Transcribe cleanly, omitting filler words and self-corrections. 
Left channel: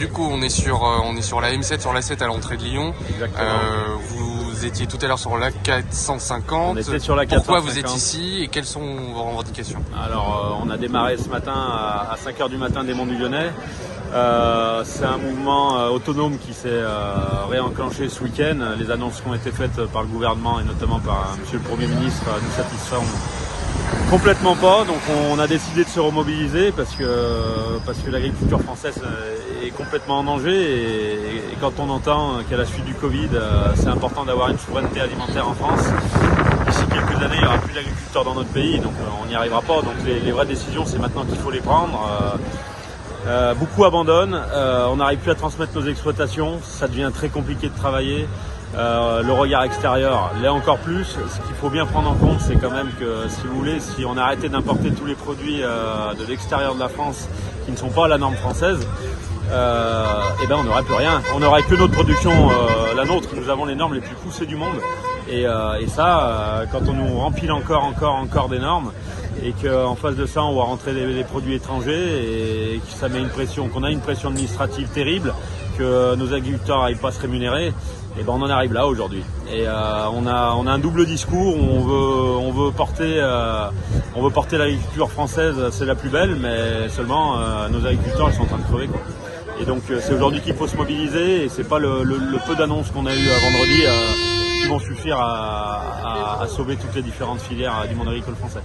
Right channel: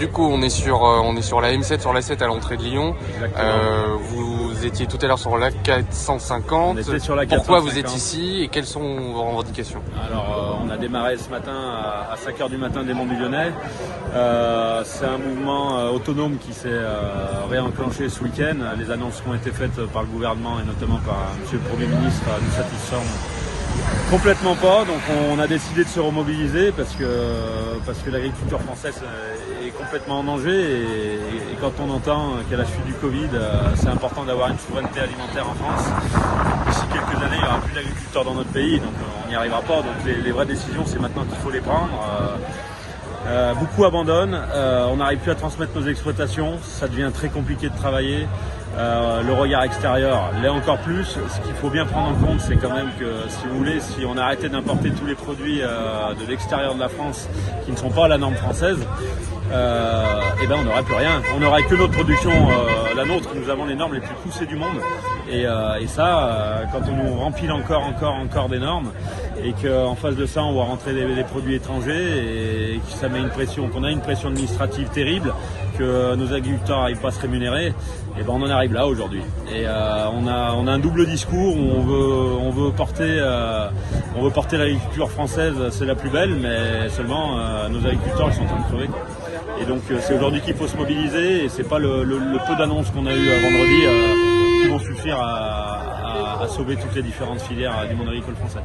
du coup, on est sur la M7, sur la 7 à l'entrée de Lyon. Vous étiez tout à l'heure sur la 450. On était sur la 450. Pourquoi vous êtes ici et quelles sont vos revendications? Alors, on a démarré ce matin à 5h du matin des Monts du Lyonnais. C'est un mouvement autonome qui s'est réenclenché ce week-end. Les annonces qui ont été faites par le gouvernement et notamment par monsieur le Premier ministre nous satisfont complètement pas. Donc on a décidé de se remobiliser parce que l'agriculture française est complètement en danger et quand on entend qu'à la suite du Covid, c'est important d'avoir une souveraineté alimentaire en France. D'ici quelques années, il n'y aura plus d'agriculteurs dans notre pays, donc on n'y arrivera pas. Donc les vraies décisions, c'est maintenant qu'il faut les prendre. Beaucoup abandonnent, on n'arrive plus à transmettre nos exploitations, ça devient très compliqué de travailler. Le regard extérieur l'est encore plus. Ce qu'il faut bien prendre en compte, c'est quand même que, si vous voulez, si on arrêtait d'importer tous les produits de l'extérieur de la France qui ne sont pas à la norme française, et ben on n'aurait plus rien. On n'aurait que notre production, la nôtre. Nous avons les normes les plus poussées du monde. Et ça, quand on nous remplit encore des normes, et qu'en face de ça, on voit rentrer les produits étrangers et que ça met une pression, qu'on a une pression administrative terrible, que nos agriculteurs n'arrivent pas à se rémunérer. Et ben on en arrive là aujourd'hui. Et on a un double discours où on veut porter l'agriculture française, c'est la plus belle, mais seulement nos agriculteurs ils sont en train de crever, quoi. Et donc c'est aujourd'hui qu'il faut se mobiliser et c'est pas le peu d'annonces qu'on a eu vendredi qui vont suffire à sauver toutes les différentes filières du monde agricole français.